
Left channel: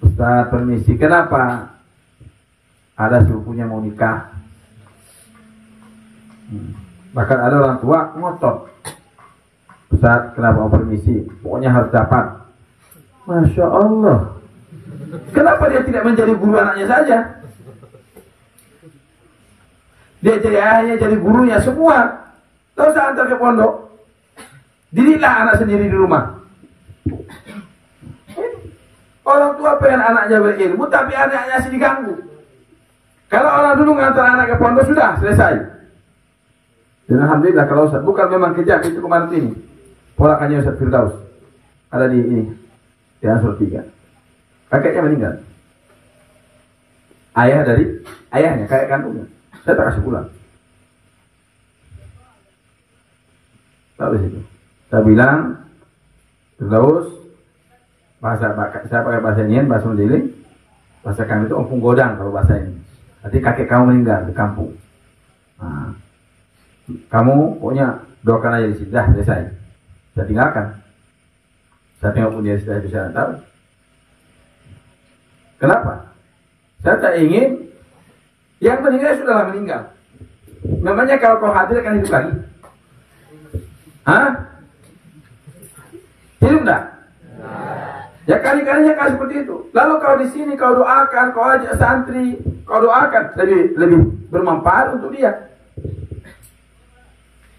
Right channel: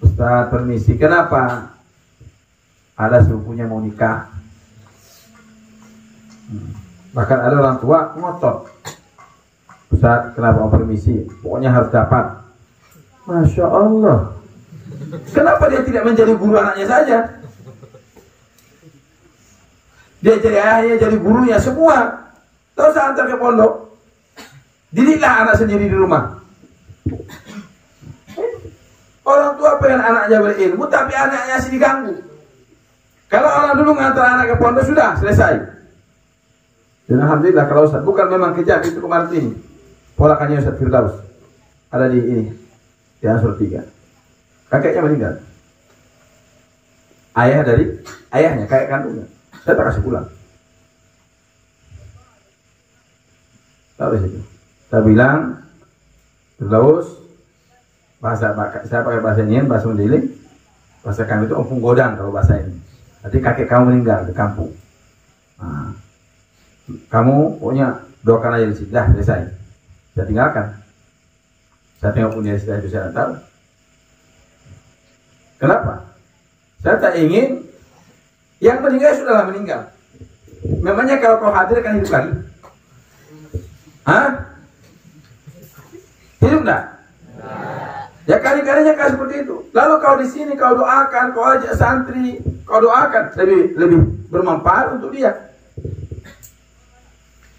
Ustaz, permisi, kenapa? Ada sepupunya mau nikah. Bahkan ada orang tua ngotot. Ustaz, kenapa permisi? Pokoknya harus dapat. Masya Allah. Kenapa dia tidak menjadi guru anaknya saja? Dia jadi ayahnya, jadi gurunya semua. Tahu usah antar ke pondok. Didiklah anak sendiri di rumah. Orang tua pengen anaknya berilmu, tapi anaknya masih diganggu. Kalau orang dulu ngantar anak ke pondok sudah selesai. Dan alhamdulillah kalau Ustaz bukan memang kejam itu kemarin ini. Ponakannya Ustaz Firdaus ada di ini, di Ansur 3. Kakeknya meninggal. Ayahnya kakek kandungnya. Saya tak kasih pulang. Tahu situ. Saya bilang Firdaus saya pakai bahasa ini, bahasa Mendiling, bahasa kami itu ompung godang kalau bahasa ini. Nanti kakek kamu meninggal di kampung. Nah, kamu pokoknya doakan aja di sini, dah selesai. Saya tinggalkan. Saya tengok dia sudah itu saya tahu. Kenapa? Saya tak ingin yang meninggal sudahlah meninggal. Memangnya kalau kau hadir akan hidup lagi? Hah? Hidup enggak? Ya kali-kalinya kau seperti itu. Lalu kau di sini kau doakan, kau ajak santri, kau doakan lebih bermanfaat untuk dia.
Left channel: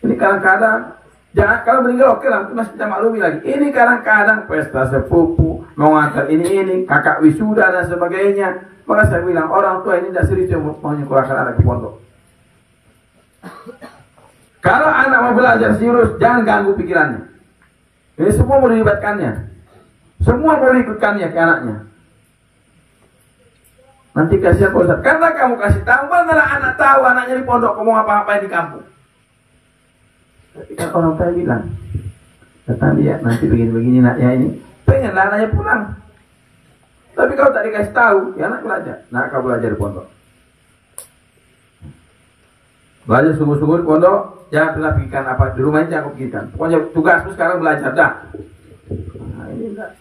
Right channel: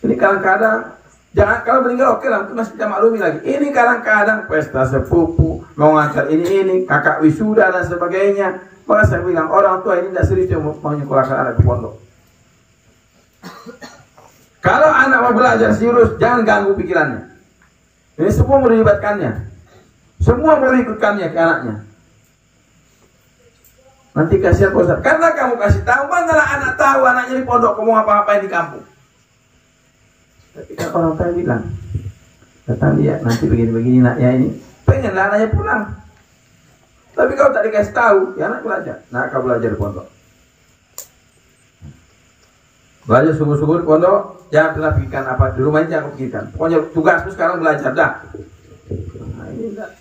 Ini kadang-kadang jangan kalau meninggal oke lah, masih kita maklumi lagi. Ini kadang-kadang pesta sepupu, mau ngantar ini, kakak wisuda dan sebagainya. Maka saya bilang orang tua ini tidak serius mau nyekolahkan anak di pondok. Kalau anak mau belajar serius, jangan ganggu pikirannya. Ini semua mau dilibatkannya. Semua mau ikutkannya ke anaknya. Nanti kasihan Ustaz. Karena kamu kasih tahu, manalah anak tahu anaknya di pondok kamu apa-apain di kampung. Tapi kan orang tua bilang, datang dia nanti begini-begini anaknya ini, pengen anaknya pulang. Tapi kalau tak dikasih tahu, ya anak belajar. Nah, kau belajar di pondok. Belajar sungguh-sungguh di pondok, jangan pernah pikirkan apa di rumah ini jangan pikirkan. Pokoknya tugasmu sekarang belajar dah. Nah, ini enggak.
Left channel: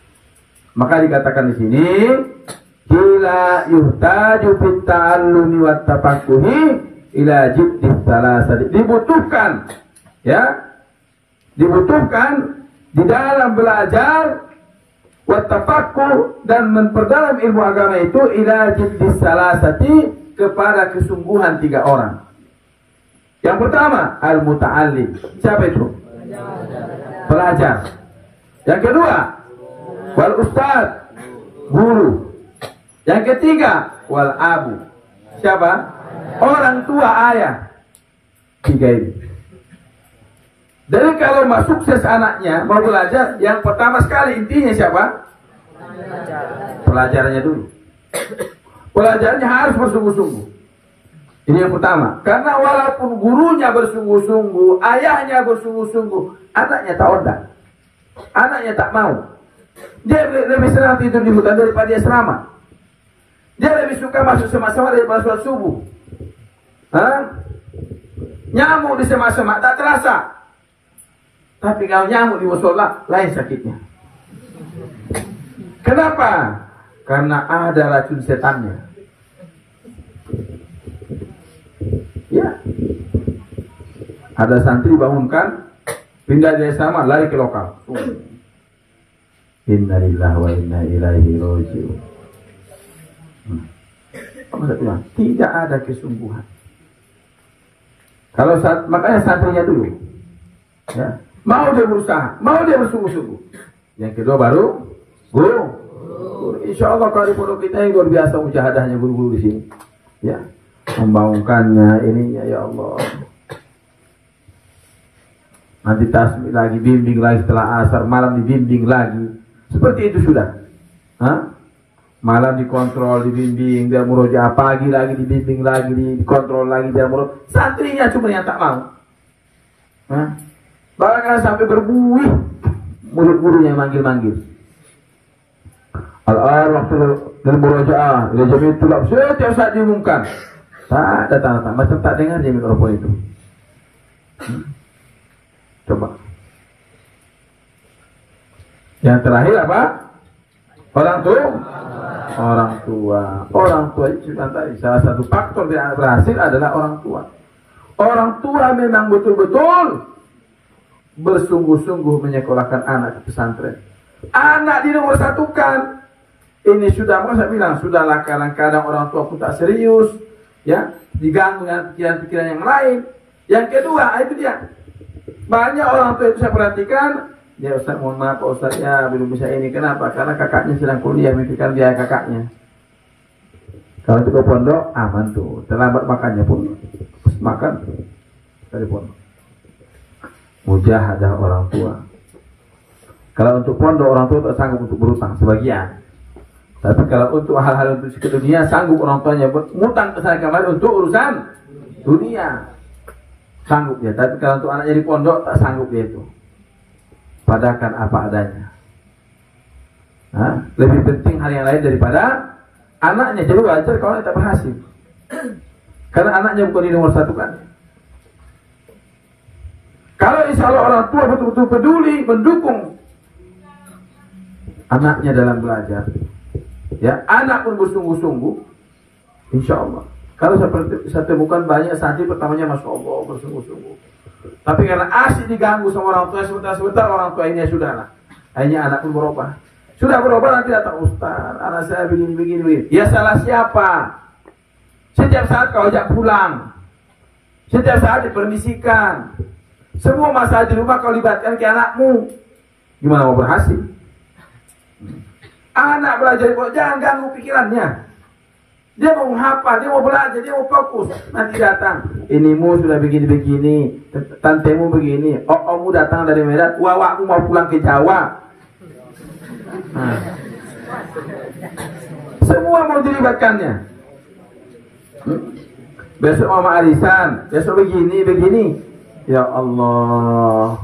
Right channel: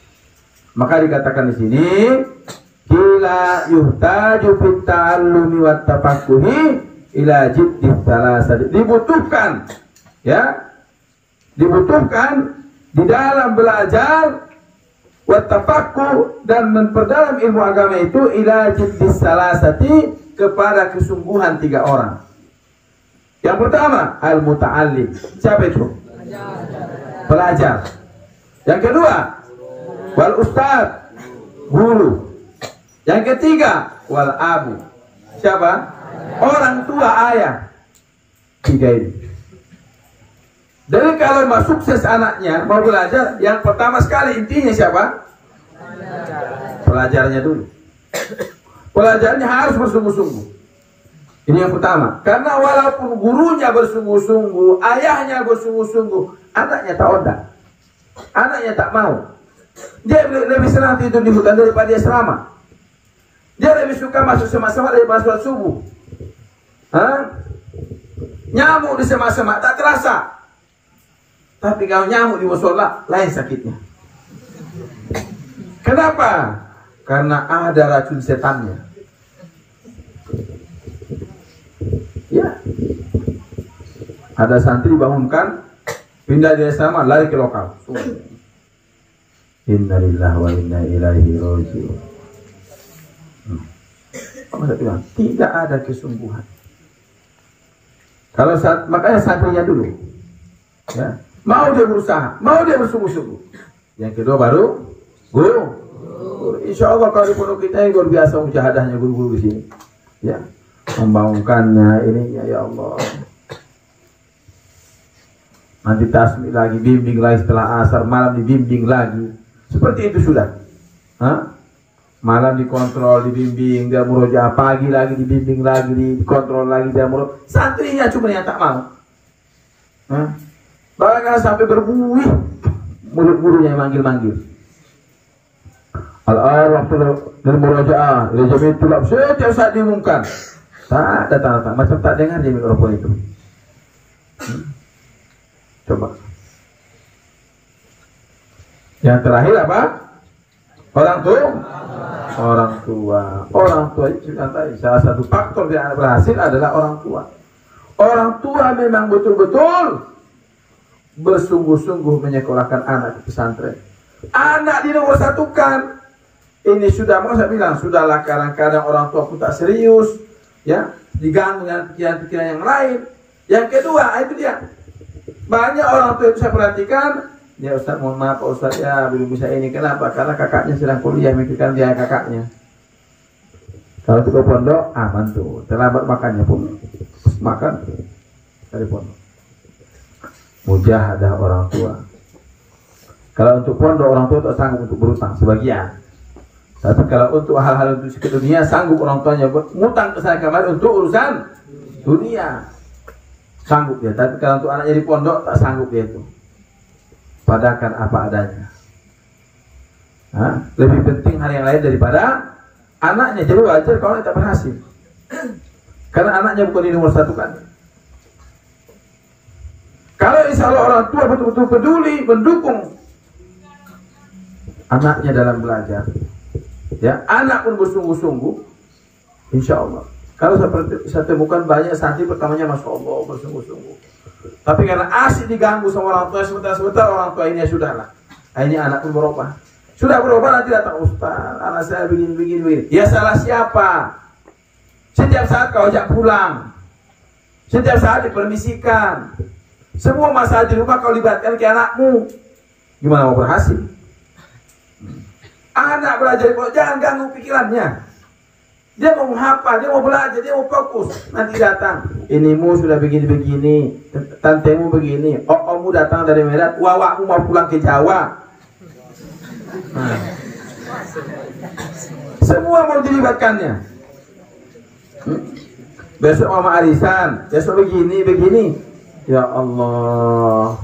Maka dikatakan di sini, kila yuhtaju fit ta'allumi wat tafaqquhi ila jiddis salasati. Dibutuhkan, ya, dibutuhkan di dalam belajar wat tafaqquh dan memperdalam ilmu agama itu ila jiddis salasati, kepada kesungguhan 3 orang. Yang pertama al-muta'allim. Siapa itu? Pelajar. Yang kedua wal ustad, guru. Yang ketiga wal abu. Siapa? Orang tua, ayah. 3 ini. Jadi kalau mau sukses anaknya mau belajar, yang pertama sekali intinya siapa? Pelajarannya dulu. Pelajarannya harus bersungguh-sungguh. Ini yang pertama. Karena walaupun gurunya bersungguh-sungguh, ayahnya bersungguh-sungguh, anaknya tak odak. Anaknya tak mau. Dia lebih senang tidur di hutan daripada dia asrama. Dia lebih suka masuk semak-semak daripada sholat subuh. Nyamuk di semak-semak tak terasa. Tapi kalau nyamuk di musola lain sakitnya. Kenapa? Karena ada racun setannya. Ya. Ada santri bangunkan, pindah dari asrama lari ke lokal. Innalillahi wa inna ilaihi raji'un. saya bilang, tidak ada kesungguhan. Kalau makanya santrinya dulu, ya, mau dia berusaha, mau dia bersungguh-sungguh. Yang kedua baru guru. Insya Allah kalau di pondok kita luar biasa mujahadahnya guru-guru di sini, ya, membangunkannya ininya, ya Allah. Nanti tasbih lagi, bimbing lagi setelah asar, malam dibimbing lagi. Seperti itu sudah. Malam dikontrol, dibimbing, dia murojaah, pagi lagi dibimbing lagi, dikontrol lagi, dia murojaah. Santrinya cuma yang tak mau. Bahkan sampai berbuih murid-murid yang manggil-manggil. Al-arwah dan murojaah, ila jami'at tulab, setiap saat diumumkan. Tak ada tanda-tanda, macam tak dengar di mikrofon itu. Coba. Yang terakhir apa? Orang tua itu tadi salah satu faktor yang berhasil adalah orang tua. Orang tua memang betul-betul bersungguh-sungguh menyekolahkan anak ke pesantren. Anak dinomor satukan. Ini sudah, mau saya bilang, sudahlah kadang-kadang orang tua pun tak serius, ya, diganggu dengan pikiran-pikiran yang lain. Yang kedua, itu dia. Banyak orang tua itu saya perhatikan, ya Ustaz, mohon maaf Ustaz, ya belum bisa ini. Kenapa? Karena kakaknya sedang kuliah, mikirkan biaya kakaknya. Kalau untuk pondok, aman tuh. Terlambat makannya pun makan dari pondok. Mujahadah orang tua. Kalau untuk pondok, orang tua tak sanggup untuk berutang sebagian. Tapi kalau untuk hal-hal untuk ke dunia, sanggup orang tuanya ngutang ke sana kemari untuk urusan dunia. Sanggup dia. Tapi kalau untuk anaknya di pondok, tak sanggup dia itu. Padakan apa adanya. Lebih penting hal yang lain daripada anaknya. Jadi wajar kalau tak berhasil. Karena anaknya bukan di nomor satu kan. Kalau insya Allah orang tua betul-betul peduli, mendukung anaknya dalam belajar, ya, anak pun bersungguh-sungguh, insya Allah. Kalau saya temukan banyak santri pertamanya Masya Allah bersungguh-sungguh, tapi karena asik diganggu sama orang tua, sebentar orang tua ini sudahlah, akhirnya anak pun berubah. Sudah berubah, nanti datang Ustaz, anak saya begini. Ya salah siapa? Setiap saat kau ajak pulang, setiap saat dipermisikan, semua masalah di rumah kau libatkan ke anakmu, gimana mau berhasil? Anak belajar, jangan ganggu pikirannya. Dia mau menghafal, dia mau belajar, dia mau fokus. Nanti datang, inimu sudah begini-begini, tantemu begini, ommu datang dari Medan, wawakmu mau pulang ke Jawa. Semua mau dilibatkannya. Besok mama arisan, besok begini. Ya Allah.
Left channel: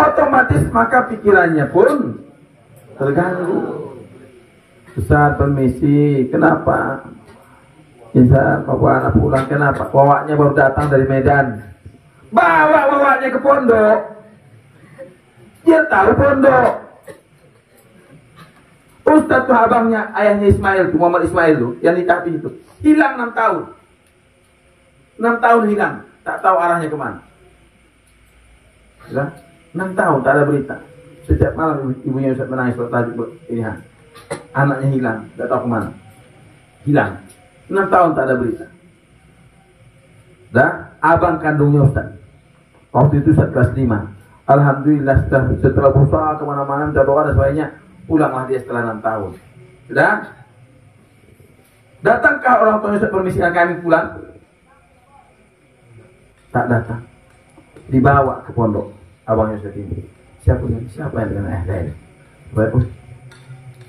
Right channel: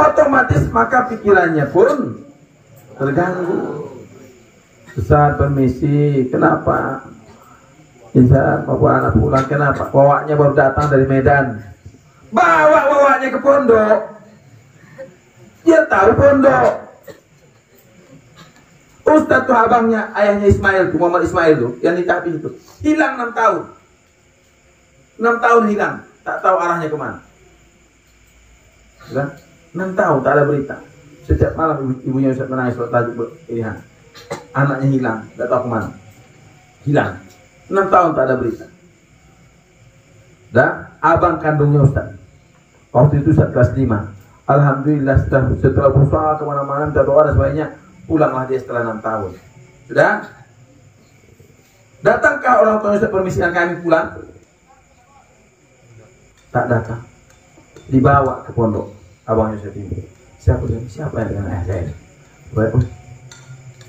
Otomatis maka pikirannya pun terganggu. Ustaz, permisi, kenapa? Insya bawa anak pulang, kenapa? Wawaknya baru datang dari Medan. Bawa wawaknya ke pondok. Dia tahu pondok. Ustaz tuh abangnya, ayahnya Ismail, Muhammad Ismail tuh, yang ditahbih itu, hilang 6 tahun. 6 tahun hilang, tak tahu arahnya kemana. 6 tahun tak ada berita. Setiap malam ibunya Ustaz menangis bertajuk ini. Anaknya hilang, tak tahu kemana. Hilang 6 tahun tak ada berita. Dan abang kandungnya Ustaz, waktu itu Ustaz kelas 5. Alhamdulillah setelah berusaha kemana-mana, minta doa dan sebagainya, pulanglah dia setelah 6 tahun. Sudah? Datangkah orang tua Ustaz permisikan kami pulang? Tak datang. Dibawa ke pondok abang Ustaz ini. Siapa yang dengan ayah saya ini? Baik,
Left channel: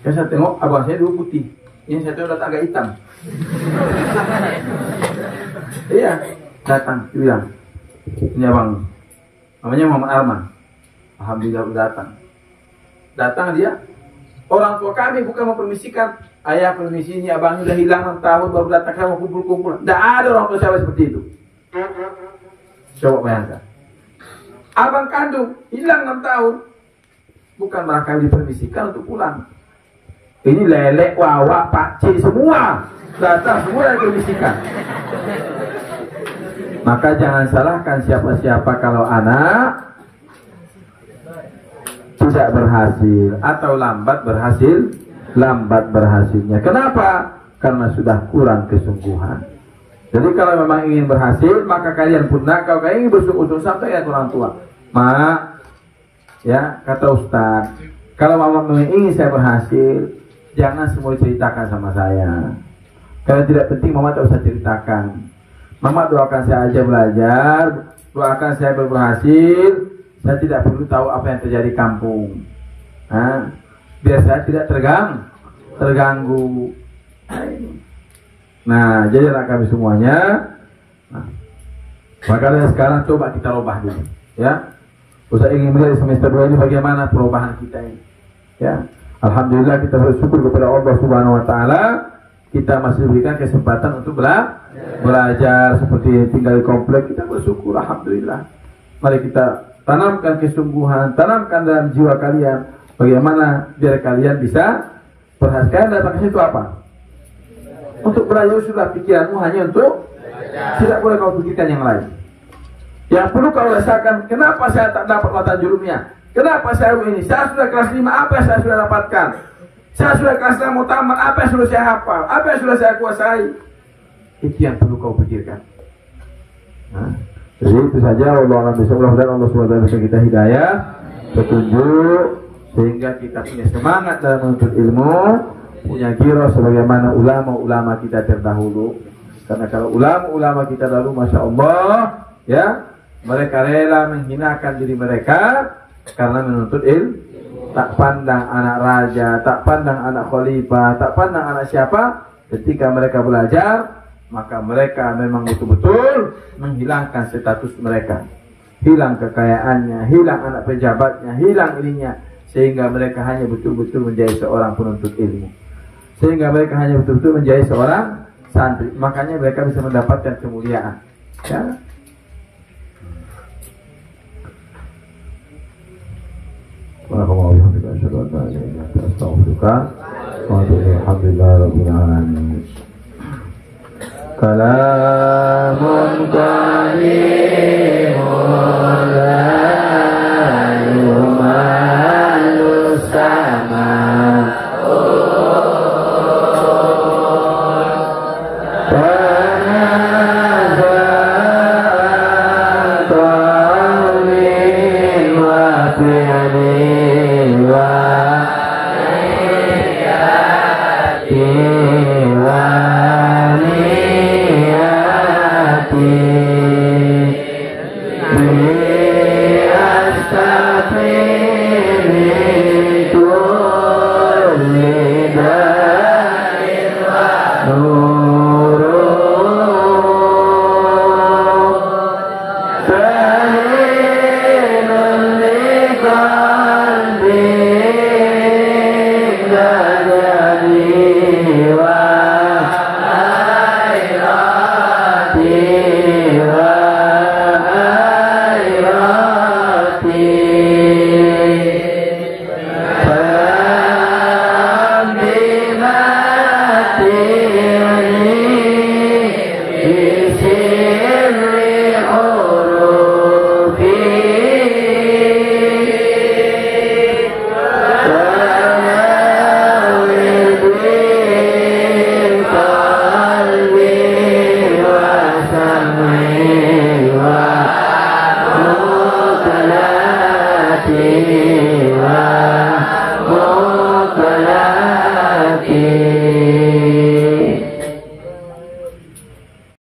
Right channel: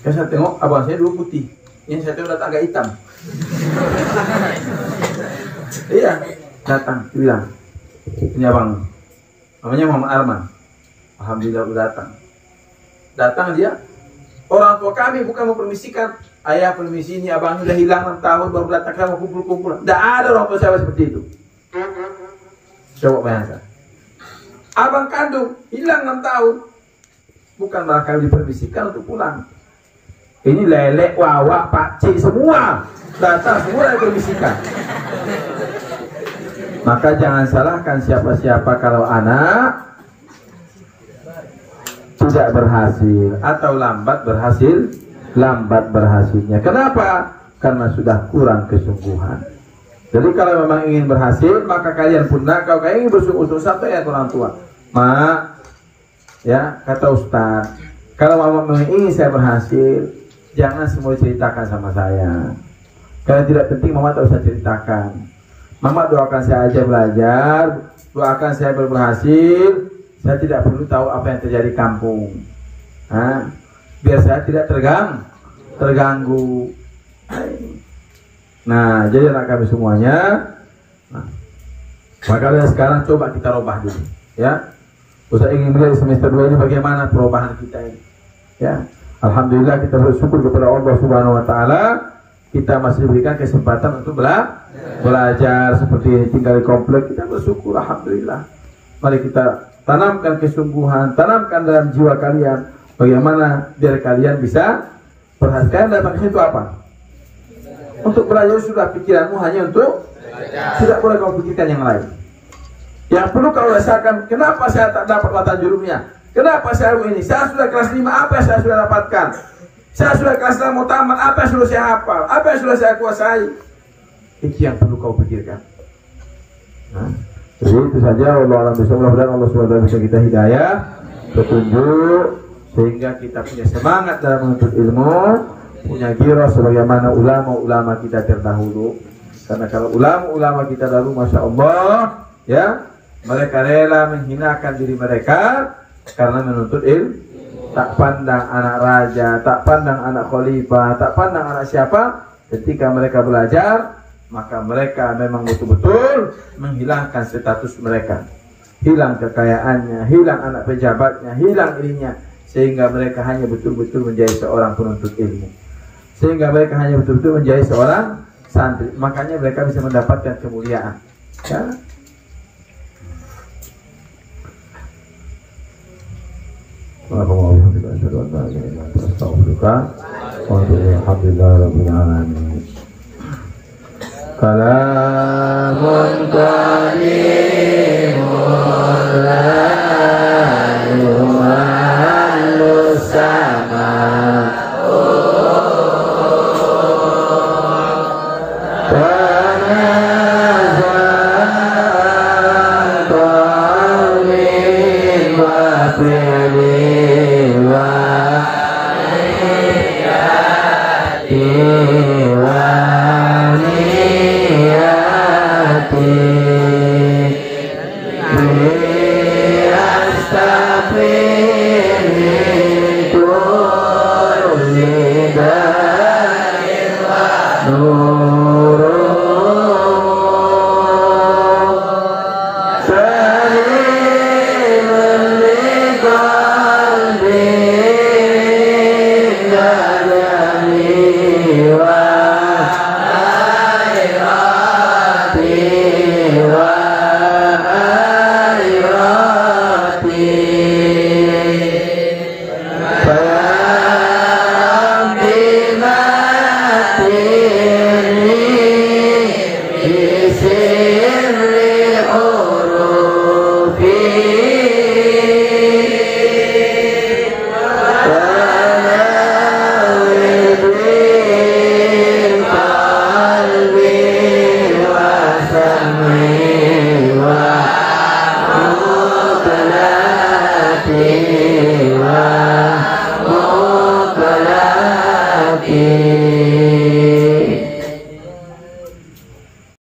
yang saya tengok abang saya dulu putih, yang saya tengok datang agak hitam. Iya, datang, dia bilang, ini abang, namanya Muhammad Arman. Alhamdulillah udah datang. Datang dia, orang tua kami bukan mempermisikan, ayah permisi ini abangnya udah hilang 6 tahun baru datang, kamu kumpul-kumpul. Tidak ada orang tua saya seperti itu. Coba bayangkan. Abang kandung hilang 6 tahun, bukan malah kami dipermisikan untuk pulang. Ini lelek, wawak, pakcik semua datang, semua dipermisikan. Maka jangan salahkan siapa-siapa kalau anak tidak berhasil atau lambat berhasilnya. Kenapa? karena sudah kurang kesungguhan. Jadi kalau memang ingin berhasil, maka kalian pun kalau kalian ingin bersungguh-sungguh sampai ya orang tua. Mak, ya kata Ustaz, kalau mama ingin saya berhasil, jangan semua ceritakan sama saya. Kalau tidak penting mama tak usah ceritakan. Mama doakan saya aja belajar, doakan saya berhasil. Saya tidak perlu tahu apa yang terjadi di kampung. Biar saya tidak terganggu. Nah, jadi anak kami semuanya, makanya sekarang coba kita rubah dulu, ya. Ustaz ingin melihat di semester 2 ini bagaimana perubahan kita ini, ya. Alhamdulillah kita bersyukur kepada Allah Subhanahu Wa Taala, kita masih diberikan kesempatan untuk belajar seperti tinggal di komplek, kita bersyukur, alhamdulillah. Mari kita tanamkan kesungguhan, tanamkan dalam jiwa kalian, bagaimana biar kalian bisa perhatikan datang ke situ apa? Untuk belajar sudah pikiranmu hanya untuk tidak boleh kau pikirkan yang lain. Yang perlu kau rasakan, kenapa saya tak dapat mata jurumnya? Kenapa saya ini? Saya sudah kelas 5, apa yang saya sudah dapatkan? Saya sudah kelas 6 mau tamat, apa yang sudah saya hafal? Apa yang sudah saya kuasai? Itu yang perlu kau pikirkan. Jadi itu saja. Allah dan Allah SWT bisa kita hidayah, petunjuk, sehingga kita punya semangat dalam menuntut ilmu, punya giro sebagaimana ulama-ulama kita terdahulu. Karena kalau ulama-ulama kita dahulu, masya Allah, ya, mereka rela menghinakan diri mereka karena menuntut ilmu. Tak pandang anak raja, tak pandang anak khalifah, tak pandang anak siapa. Ketika mereka belajar, maka mereka memang betul-betul menghilangkan status mereka, hilang kekayaannya, hilang anak pejabatnya, hilang ininya, sehingga mereka hanya betul-betul menjadi seorang penuntut ilmu, sehingga mereka hanya betul-betul menjadi seorang santri. Makanya mereka bisa mendapatkan kemuliaan, ya. Kalamun karimul la yu'alus sama